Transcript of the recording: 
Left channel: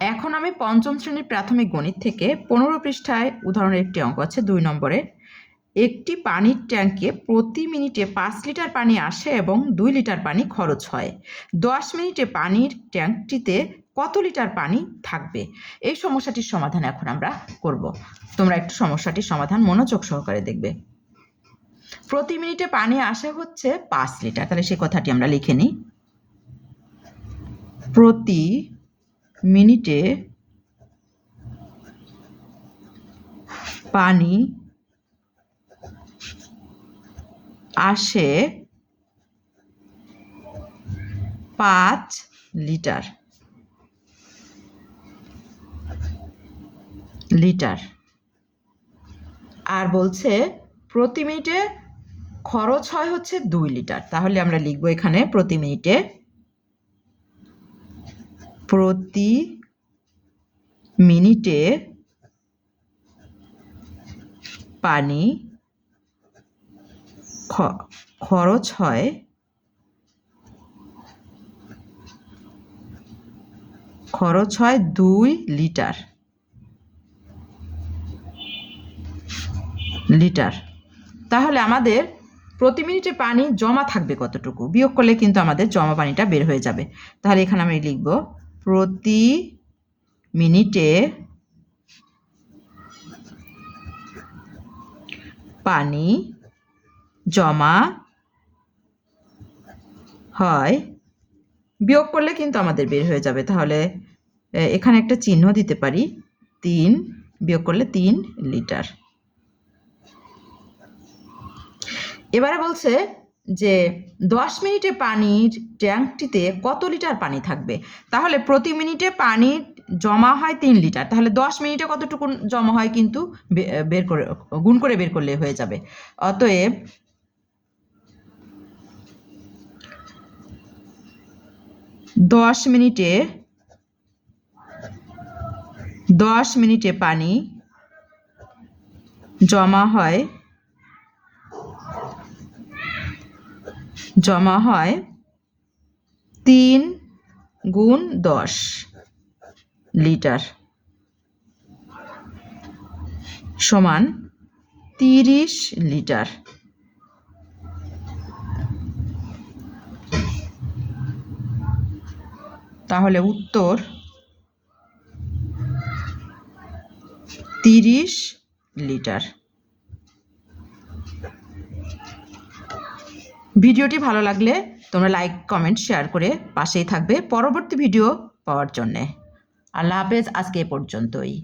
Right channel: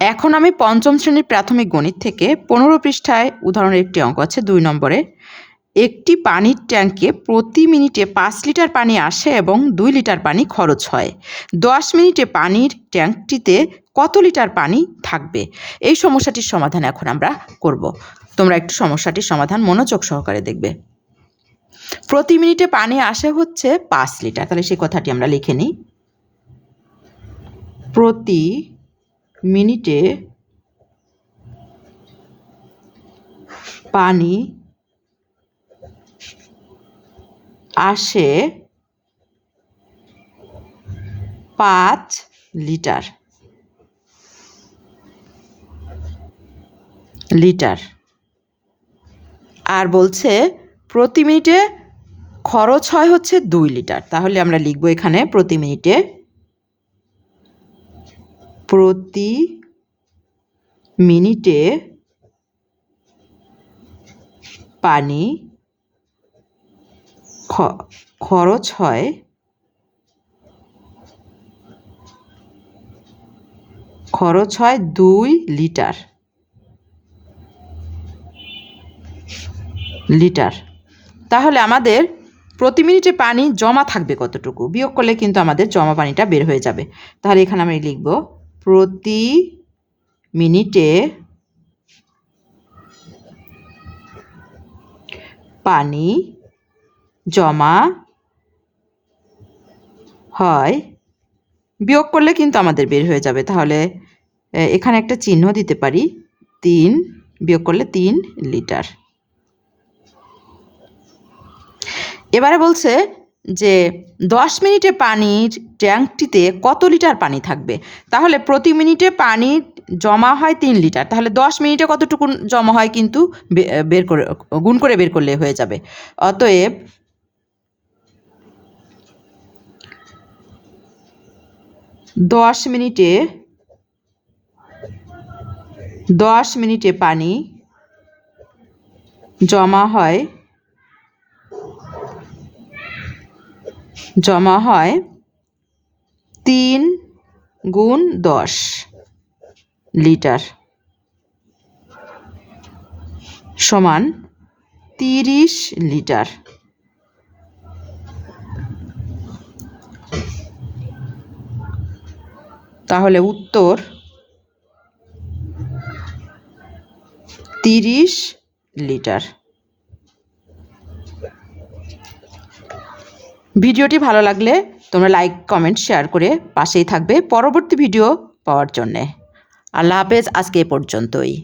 এখন আমি পঞ্চম শ্রেণীর প্রাথমিক গণিত থেকে 15 পৃষ্ঠায় উদাহরণের একটি অঙ্ক আছে 2 নম্বরে। একটি পানির ট্যাঙ্কে প্রতি মিনিটে 5 লিটার পানি আসে এবং 2 লিটার পানি খরচ হয়। 10 মিনিটে পানির ট্যাঙ্কটিতে কত লিটার পানি থাকবে? এই সমস্যাটির সমাধান এখন আমরা করব। তোমরা একটু সমস্যাটির সমাধান মনোযোগ সহকারে দেখবে। প্রতি মিনিটে পানি আসে হচ্ছে 5 লিটার, তাহলে সেই কথাটি আমরা লিখে নিই। প্রতি মিনিটে পানি আসে 5 লিটার। আর বলছে প্রতি মিনিটে খরচ হয় হচ্ছে 2 লিটার। তাহলে আমরা লিখব এখানে প্রতি মিনিটে পানি খরচ হয় 2 লিটার। তাহলে আমাদের প্রতি মিনিটে পানি জমা থাকবে কতটুকু, বিয়োগ করলে কিন্তু আমাদের জমা পানিটা বের হয়ে যাবে। তাহলে এখানে আমি লিখব প্রতি মিনিটে পানি জমা হয়, বিয়োগ করলে কিন্তু আমাদের বের হয়ে যাবে। তাহলে এখানে একটা চিহ্ন দিতে পারি, 3 বিয়োগ করলে 3 লিটার। এবারে বলছে যে 10 মিনিটে পানির ট্যাঙ্কটিতে কত লিটার পানি থাকবে। তাহলে প্রতি মিনিটে পানি জমা হয় 3 লিটার, তাহলে 10 মিনিটে কতটুকু জমা হয় কিন্তু গুণ করে বের করলে হয়ে যাবে। অতএব 10 মিনিটে পানি জমা হয় 3 গুণ 10 লিটার সমান 30 লিটার। তাহলে উত্তর 30 লিটার। ভিডিওটি ভালো লাগলে তোমরা লাইক, কমেন্ট, শেয়ার করে পাশেই থাকবে পরবর্তী ভিডিও পাওয়ার জন্যে। আল্লাহ হাফেজ, আজকে এ পর্যন্তই।